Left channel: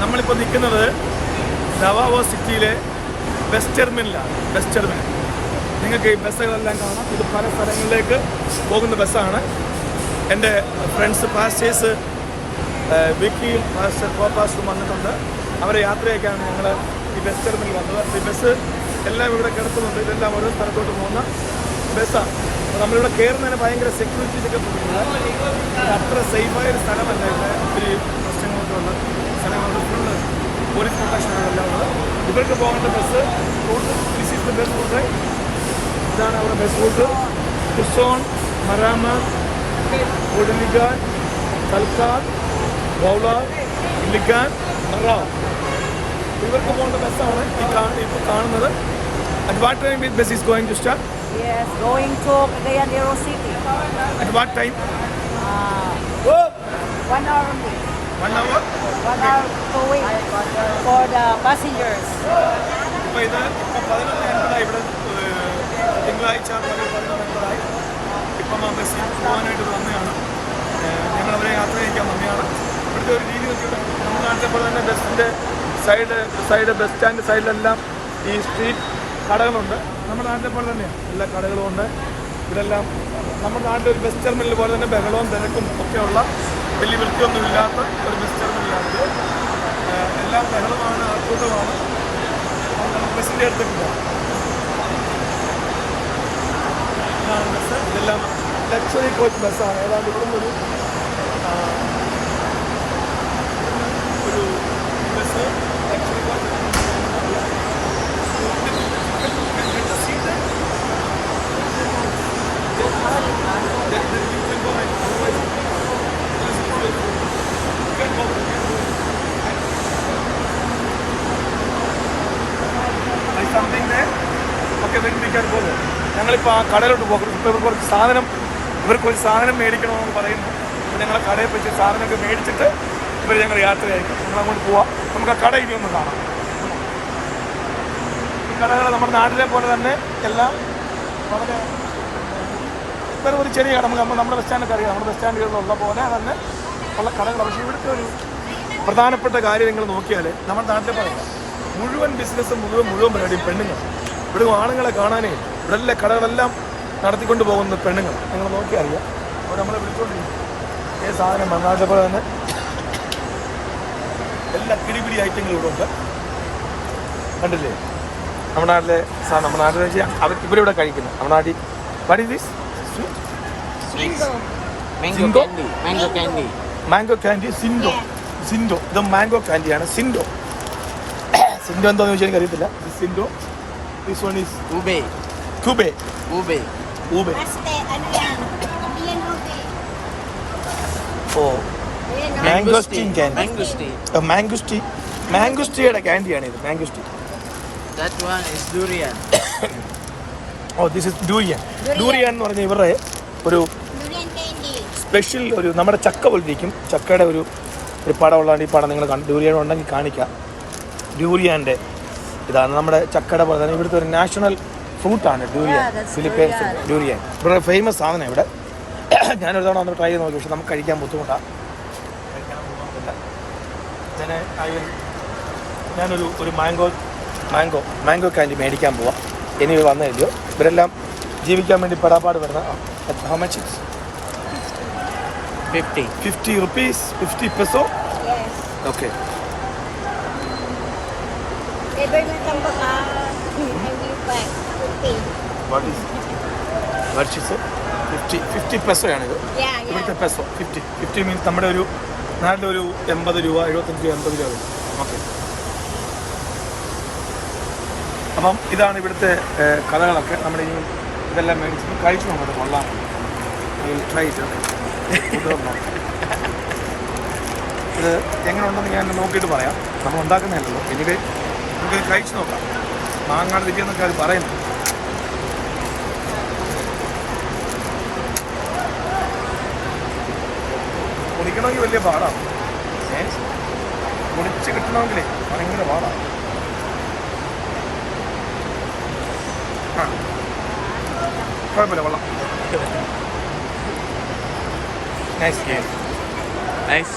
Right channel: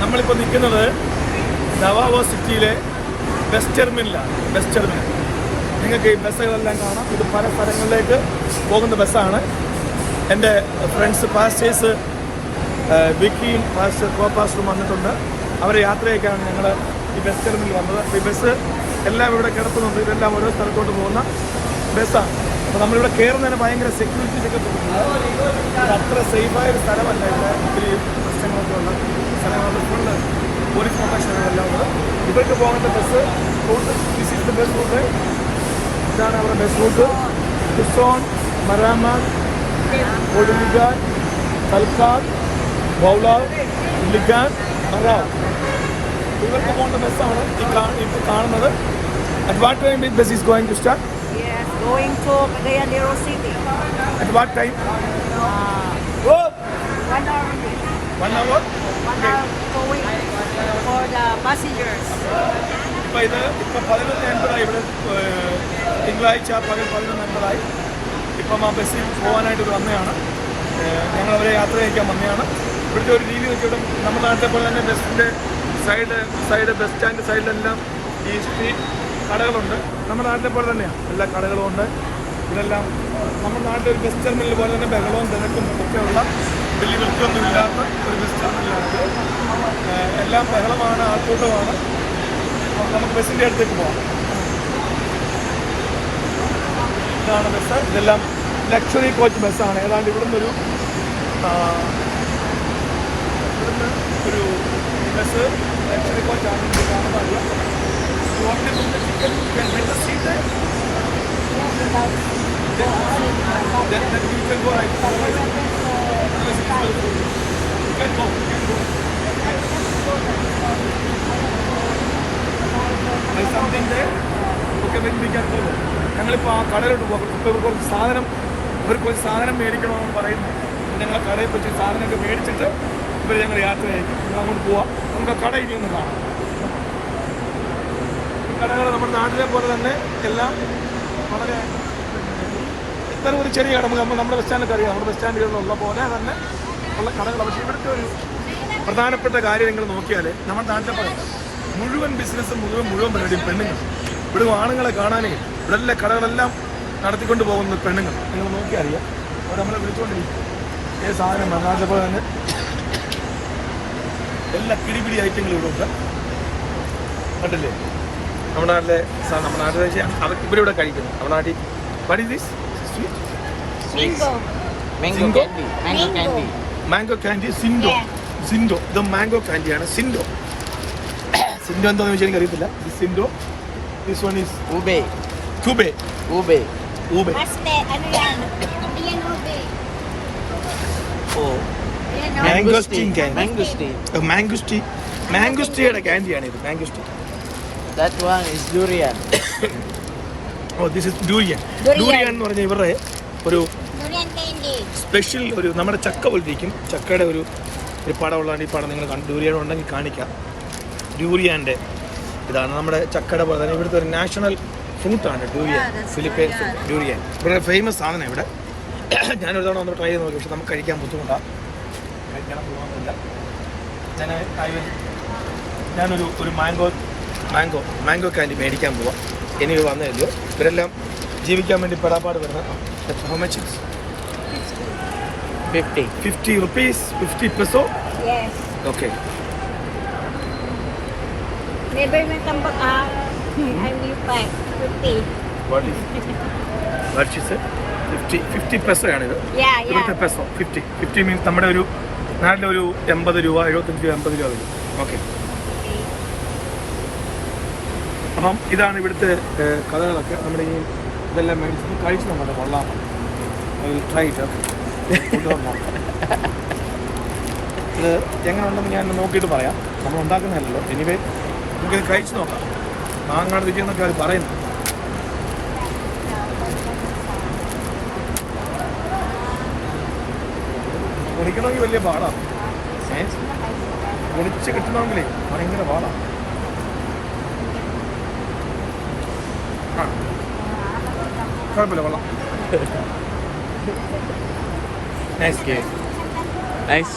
നമ്മളിപ്പോൾ നിൽക്കുന്നത് ദവാവോ സിറ്റിയിലെ ബസ് ടെർമിനലാണ്. ബസ് ടെർമിനൽ നിങ്ങൾക്ക് ഈ ബസ്സുകളെല്ലാം കാണാം. ഇത് പല സ്ഥലങ്ങളിലേക്ക് പോകുന്ന ബസ്സാണ്. എൻ്റെ ഫ്രണ്ട്സ് പാസ്റ്റേഴ്സ് വിക്കിയും പാസ്റ്റർ കോട്ടാസും വന്നിട്ടുണ്ട്. അവരെ യാത്രയൊക്കെയാണ് ഞങ്ങൾ ഈ ബസ് ടെർമിനൽ വന്നത്. ഈ ബസ് എല്ലാം ഇവിടെ കിടക്കുന്നുണ്ട്. ഇതെല്ലാം ഇവിടെ പുറത്തോട്ട് പോകുന്ന ബസ്സാണ്. നമ്മളിവിടെ കയറുന്നതിന് ഭയങ്കര സെക്യൂരിറ്റി ഒക്കെ തോന്നുന്നു. അത്ര സേഫായൊരു സ്ഥലമല്ല. ഇവിടെ ഒത്തിരി പ്രശ്നങ്ങളൊക്കെ ഉള്ള സ്ഥലമാണ്. ഫുള്ള് പോലീസ് പ്രൊട്ടക്ഷനുകളെല്ലാം ഉള്ളത്. ഇവർക്ക് പോകേണ്ട bus route this is the bus route. ഇതാണ് അവരുടെ ബസ് റൂട്ട്. ടിസോൺ, മരാമാൻ, ഒഡുലിഗാൻ, തൽക്കാൽ, വൗലാർ, ലിഗാൻ, മറാവ്. ഇവർക്ക് പോകേണ്ട ബസ്സാണ് ഇപ്പോൾ കാണുന്നത്. At what time this bus is going to start? Yes, going to Cagayan de Oro City. At what time? 1 hour only. 1 hour? Okay. To wait for the passengers. ഇപ്പോൾ 11:50 ഇവിടെ തിങ്കളാഴ്ച പകൽ 11:50. ഇപ്പം ആ ബസ്സിൽ പോകാനായിട്ട് വന്നതാണ്. ഞങ്ങളവരെ യാത്ര ചെയ്യിക്കാൻ വന്നതാണ്. ഇവിടുത്തെ ഒരു രീതി വെച്ച് ഇവിടെ നമ്മുടെ നാട്ടിലെ പോലെ തന്നെ ബസ്സിൻ്റെ സൈഡ് ബസ് സ്റ്റാൻഡ് സൈഡിലെല്ലാം ഈ സ്ട്രീറ്റ് കടകളുണ്ട്. നമ്മുടെ നാട്ടിലെ പോലെ തന്നെയാണ് എല്ലാ കടകളും ഉണ്ട്. ഇതെല്ലാം നമ്മുടെ നാട്ടിൽ ഒരു ബസ് ടെർമിനൽ പോലെ തന്നെ ബഹളവും തിരക്കും ഒക്കെയുള്ള വലിയ വൃത്തിയൊന്നും ഇല്ലാത്ത ഒരു ബസ് ടെർമിനലാണിത്. എല്ലാം ബഹളമാണ്, ആൾക്കൂട്ടമാണ്. അപ്പോൾ നമുക്ക് ബസ്സിൻ്റെ അടുത്തേക്ക് പോകാം. ഇതാണ് ബസ്. ഇതെല്ലാം ലക്ഷറി കോച്ച് ബസ്സാണ്. ഏതാണ്ട് ഇവിടുന്ന് ഒരു ബസ് ലക്ഷറി കോച്ചാണ്. ഞങ്ങളിപ്പോൾ ആ കടയിലോട്ട് പോകും. ഇപ്പോൾ ഇവർക്ക് ഒരു സാധനം മേടിക്കണമെന്ന് പറയുന്നു. ഞങ്ങളെ കടയിൽ വെച്ച് സാധനമൊക്കെ മേടിച്ചിട്ട് ഞങ്ങൾ യാത്രയായിരിക്കും. ഞങ്ങളങ്ങോട്ട് പോവാം. നമുക്ക് ആ കടയിൽ ഒന്ന് കാണാം. ഈ കടകൾ നമ്മുടെ നാട്ടിലെ പോലെ തന്നെ എല്ലാം വളരെ ഇത്തരം ഒരു ചെറിയ കട നമ്മുടെ ബസ് സ്റ്റാൻഡൊക്കെ അറിയാം. നമ്മുടെ ബസ് സ്റ്റാൻഡുകളിലുള്ള പോലെ തന്നെ ഉള്ള കടകൾ. പക്ഷേ ഇവിടുത്തെ ഒരു പ്രധാനപ്പെട്ട കാര്യം നിങ്ങൾ നോക്കിയാൽ നമ്മുടെ നാട്ടിലെ പോലെ മുഴുവൻ ബിസിനസ്സും മുഴുവൻ പരിപാടിയും പെണ്ണുങ്ങൾ. ഇവിടെ ആണുങ്ങളെ കാണാനേ ഇവിടെ എല്ലാ കടകളെല്ലാം നടത്തിക്കൊണ്ട് പോകുന്ന പെണ്ണുങ്ങൾ. നിങ്ങൾ നോക്കിയാൽ അറിയാം. അപ്പോൾ നമ്മളെ വിളിച്ചുകൊണ്ടിരിക്കും. ഏത് സാധനം നാട്ടിലെ പോലെ തന്നെ എല്ലാ കിടിപിടി ഐറ്റങ്ങളും ഇവിടെ ഉണ്ട്. കണ്ടില്ലേ? നമ്മുടെ നാട്ടിലെ സാധനം നമ്മുടെ നാട്ടിൽ വെച്ചാൽ അവർ ഇവരിവിടെ കഴിക്കുന്നു. നമ്മുടെ നാട്ടിൽ മാംഗോ കാൻഡി സിൻഡോ. ഇത് മാംഗോ കാൻഡിയാണ്. സിൻഡോ എന്താണെന്ന് വെച്ചാൽ എനിക്ക് അറിയത്തില്ല. സിൻഡോ. ദിസ് വൺ ഈസ് ഊബേ. മാംഗോസ്റ്റീയുടെ കാൻഡിയാണ് ഇത്. Mangosteen. That one is durian. This is durian. Durian എന്ന് പറഞ്ഞാൽ ഇവരുടെ ഒരു സ്പെഷ്യൽ ഒരു നമ്മുടെ ചക്ക പോലിരിക്കും. ചക്കയുടെ ഒരു പടമുള്ളതാണ്. ഈ പടം നിങ്ങൾ ഡ്യൂരിയൻ ഉണ്ടെങ്കിൽ കാണിക്കാം. ഡ്യൂരിയാൻ്റെ ഇതാണ് നമ്മുടെ ചക്കയുടെ പോലെ തന്നെ ഇവിടുത്തെ ഒരു നാഷണൽ ഫ്രൂട്ടാണ് ഡ്യൂരിയൻ. ഫിലിപ്പൈൻസ് ഡ്യൂരിയൻ ഇവിടെ ഫേമസ് സാധനം. ഇവിടെ ഞാനൊരു തവണ ഒന്ന് ട്രൈ ചെയ്ത് നോക്കി. പക്ഷെ നമുക്ക് കഴിക്കാൻ ബുദ്ധിമുട്ടാണ്. കഴിക്കാനും പോകുന്നില്ല. ഞാനൊരു മാംഗോ കാൻഡി മേടിക്കാൻ പോവാം. ഇനി വന്നില്ലയോ. ഇവരെല്ലാം ജീവിക്കാൻ വേണ്ടി പെടാപ്പാട് വരുന്ന. How much? 50 rupees, 50 peso. Yes. Okay. Never will come back. And you buy 50. What is it? 50 peso ആണിത്. ഇവിടുത്തെ പെസോ 50 മീൻസ് നമ്മുടെ ഒരു നാട്ടിലൊരു 80 രൂപ 75 രൂപ 80 രൂപ വരും. ഓക്കെ. അപ്പം ഇതാണ് ഇവിടുത്തെ കഥകളൊക്കെ. നമ്മുടെ ഈ ഇതെല്ലാം മേടിച്ച് കഴിച്ചു നോക്കട്ടെ. കൊള്ളാം. I will try it. Okay. ഇത് എങ്ങനെ ഉണ്ടെന്ന് ഞാൻ നോക്കിയിട്ട് പറയാം. നമ്മൾ ഉണ്ടാക്കുന്നതല്ലല്ലോ. എനിവേ നമുക്കിത് കഴിച്ചു നോക്കാം. മാങ്ങാട് രുചിയെന്നൊക്കെ അവർ പറയുന്നു. കുണിക്കണമെങ്കിൽ വലിയ പാടാണ്. കുണിച്ച് കിട്ടണമെങ്കിലേ ഭയങ്കര പാടാണ്. കുഴപ്പമില്ല, കൊള്ളാം. നൈസ്. Nice.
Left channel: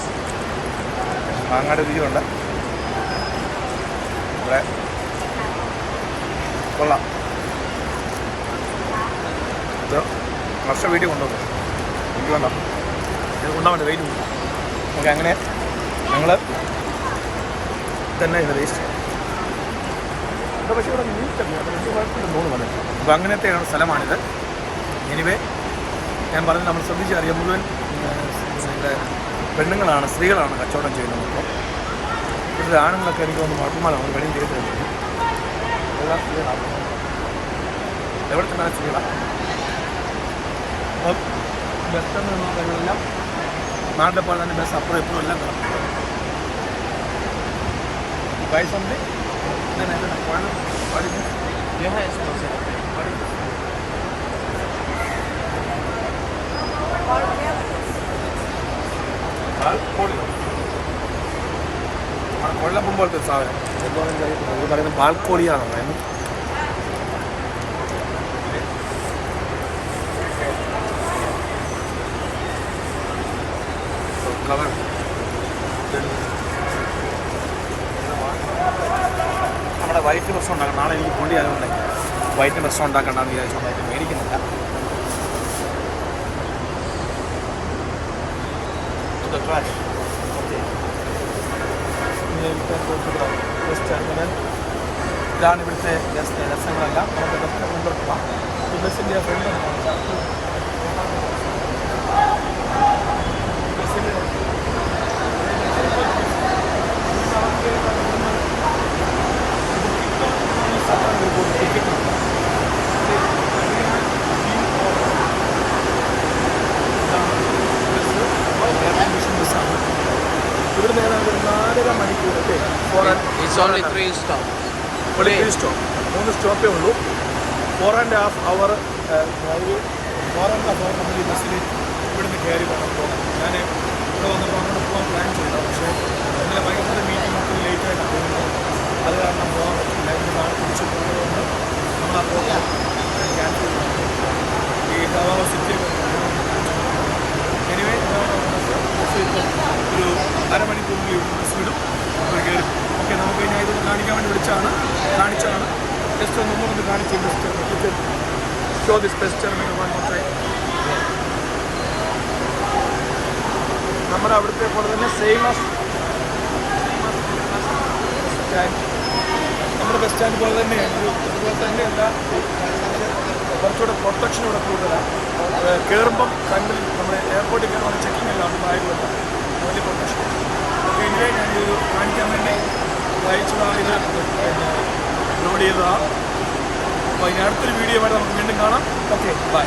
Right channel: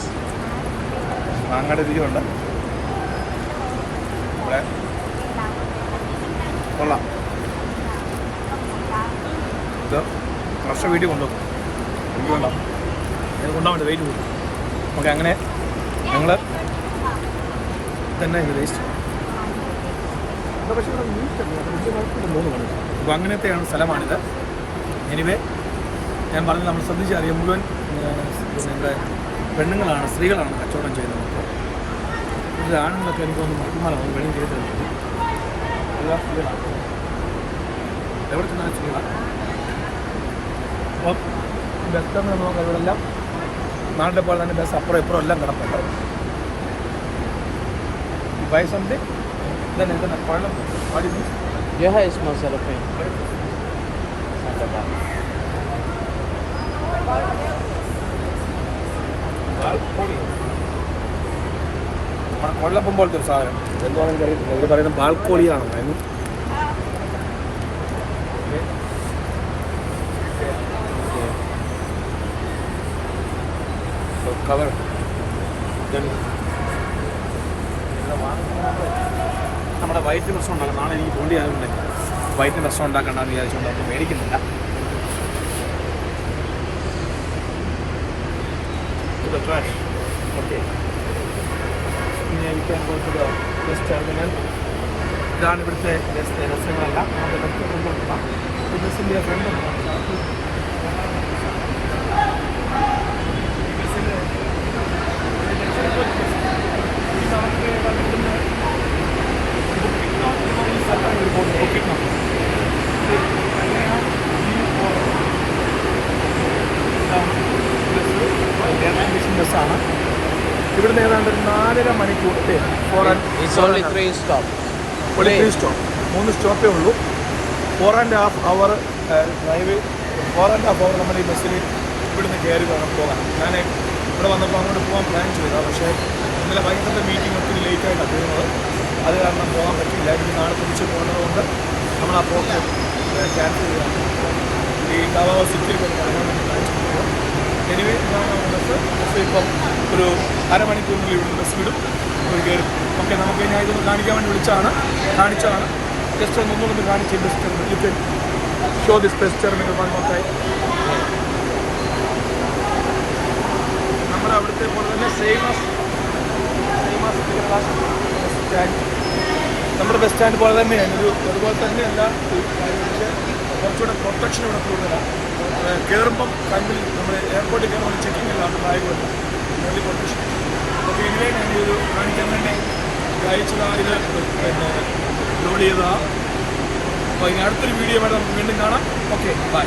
മാങ്ങയുടെ രുചിയുണ്ട്. ഇവിടെ കൊള്ളാം. ഇത് വർഷം വീട്ടിൽ കൊണ്ടുപോകും. എനിക്ക് വേണ്ട, ഇത് കൊണ്ടുപോകാൻ വേണ്ട, വെയിറ്റ് കൂടും. ഓക്കെ, അങ്ങനെ ഞങ്ങൾ തന്നെ ഇത് വേസ്റ്റ്. പക്ഷേ ഇവിടെ നീറ്റല്ല, വലിയ കുഴപ്പമില്ലെന്ന് തോന്നുന്നു. അപ്പോൾ അങ്ങനത്തെയാണ് സ്ഥലമാണിത്. എനിവേ ഞാൻ പറഞ്ഞത് നമ്മൾ ശ്രദ്ധിച്ചറിയാം, മുഴുവൻ പിന്നെ ഇവിടെ പെണ്ണുങ്ങളാണ്, സ്ത്രീകളാണ് കച്ചവടം ചെയ്യുന്നത്. അപ്പോൾ ഇവിടുത്തെ ആണുങ്ങളൊക്കെ എനിക്ക് വന്ന് മാറ്റിമാലാണ് വെളിയും ചെയ്ത് കഴിഞ്ഞു. എല്ലാം സ്ത്രീകളാക്കുന്നത് എവിടെ ചെന്നാണ് സ്ത്രീകളാണ്. അപ്പം ബസ്സെന്ന് നോക്കാം, ഇവിടെ എല്ലാം നാട്ടിലെ പോലെ തന്നെ ബസ് അപ്പുറം ഇപ്പുറം എല്ലാം കിടപ്പുണ്ട്. ഈ ബൈ സംതിങ് ഇതന്നെ കുഴപ്പം പഠിക്കും. Yeah, it's masala thing. നമ്മുടെ കൊള്ളപ്പം പോലത്തെ ഒരു സാധനം എന്താണെന്ന് അറിയത്തില്ല. ഇവർ പറയുന്നത് ബാൽക്കോളിയാണോ പറയുന്നത്. കവർ നമ്മുടെ വൈറ്റ് പ്രശ്നം ഉണ്ടാക്കണം. നാളെ എനിക്ക് പോണ്ടി ആയതുകൊണ്ട് വൈറ്റ് പ്രശ്നം ഉണ്ടാക്കണ്ടെന്ന് വിചാരിച്ചുകൊണ്ട് അവർക്ക് മേടിക്കുന്നില്ല. ഓക്കെ, ബസ് ടെർമിനൽ ഇതാണ്. ഇവിടുത്തെ രസങ്ങളെല്ലാം നമുക്ക് ബസ് ഫ്രണ്ട് പോകാം. ഈ ബസ്സിൻ്റെ ഫ്രണ്ട് നമുക്ക് ഇവിടുന്ന് ബസ്സാണ്. ഇവിടുന്ന് ഏതാണ്ട് 4.5 മണിക്കൂർ. It's only 3 stops. 3 സ്റ്റോപ്പേ ഉള്ളൂ. 4.5 hour ഡ്രൈവ്. 4.5 hour നമ്മൾ ഈ ബസ്സിൽ ഇവിടുന്ന് കയറി വേണം പോകാൻ. ഞാൻ ഇവിടെ വന്നപ്പോൾ അങ്ങോട്ട് പോകാൻ പ്ലാൻ ചെയ്തതാണ്. പക്ഷേ ഇന്നലെ വൈകിട്ടത്തെ മീറ്റിംഗ് ഒത്തിരി ലേറ്റായിട്ടാണ് പോകുന്നത്. അത് കാരണം പോകാൻ പറ്റില്ല. എനിക്ക് നാളെ തിരിച്ച് പോകുന്നത് കൊണ്ട് നമ്മൾ ആ പോക്ക് ക്യാൻസൽ ചെയ്താണ്. ഈ ദവാവ സിറ്റിയൊക്കെ കാണാൻ വേണ്ടി പ്ലാൻ ചെയ്തിട്ടുണ്ട്. എനിവേ ഇതാണ് ബസ്. ഇപ്പം ഒരു അരമണിക്കൂറിൽ ഇവിടെ ബസ് വിടും, അവർ കയറി. ഓക്കെ, നമുക്ക് ഞാൻ ഇതൊന്ന് കാണിക്കാൻ വേണ്ടി കാണിച്ചാണ്. ജസ്റ്റ് ഒന്നുകൂടെ കാണിച്ച് ഷോ ദിസ് ബെസ്റ്റ് നമ്മുടെ അവിടുത്തെ പോലെ തന്നെ സെയിം നമ്മുടെ ബസ് സ്റ്റാൻഡ് പോലെ തന്നെയാണ്. അതുപോലെ തന്നെയല്ല കാര്യങ്ങൾക്ക് കുറച്ചുകൂടെ പ്രൊട്ടക്ഷൻ ഇവിടെ കൂടുതലാണ്. കയറുമ്പം കണ്ടിൽ നമ്മുടെ എയർപോർട്ടിൽ കയറുമ്പോൾ ചെക്കിംഗ് എല്ലാം അത് ബാഗുമല്ല, വലിയ പ്രൊട്ടക്ഷൻ. അപ്പോൾ ഇതിനെ ഞാൻ ഇത് കാണിക്കാൻ വേണ്ടി അയച്ചതാണ്. ഇത് പിന്നെ ലോഡ് ചെയ്തതാണ്. അപ്പോൾ ഇനി അടുത്തൊരു വീഡിയോ ആയിട്ട് നമുക്ക് വീണ്ടും കാണാം. Okay, by.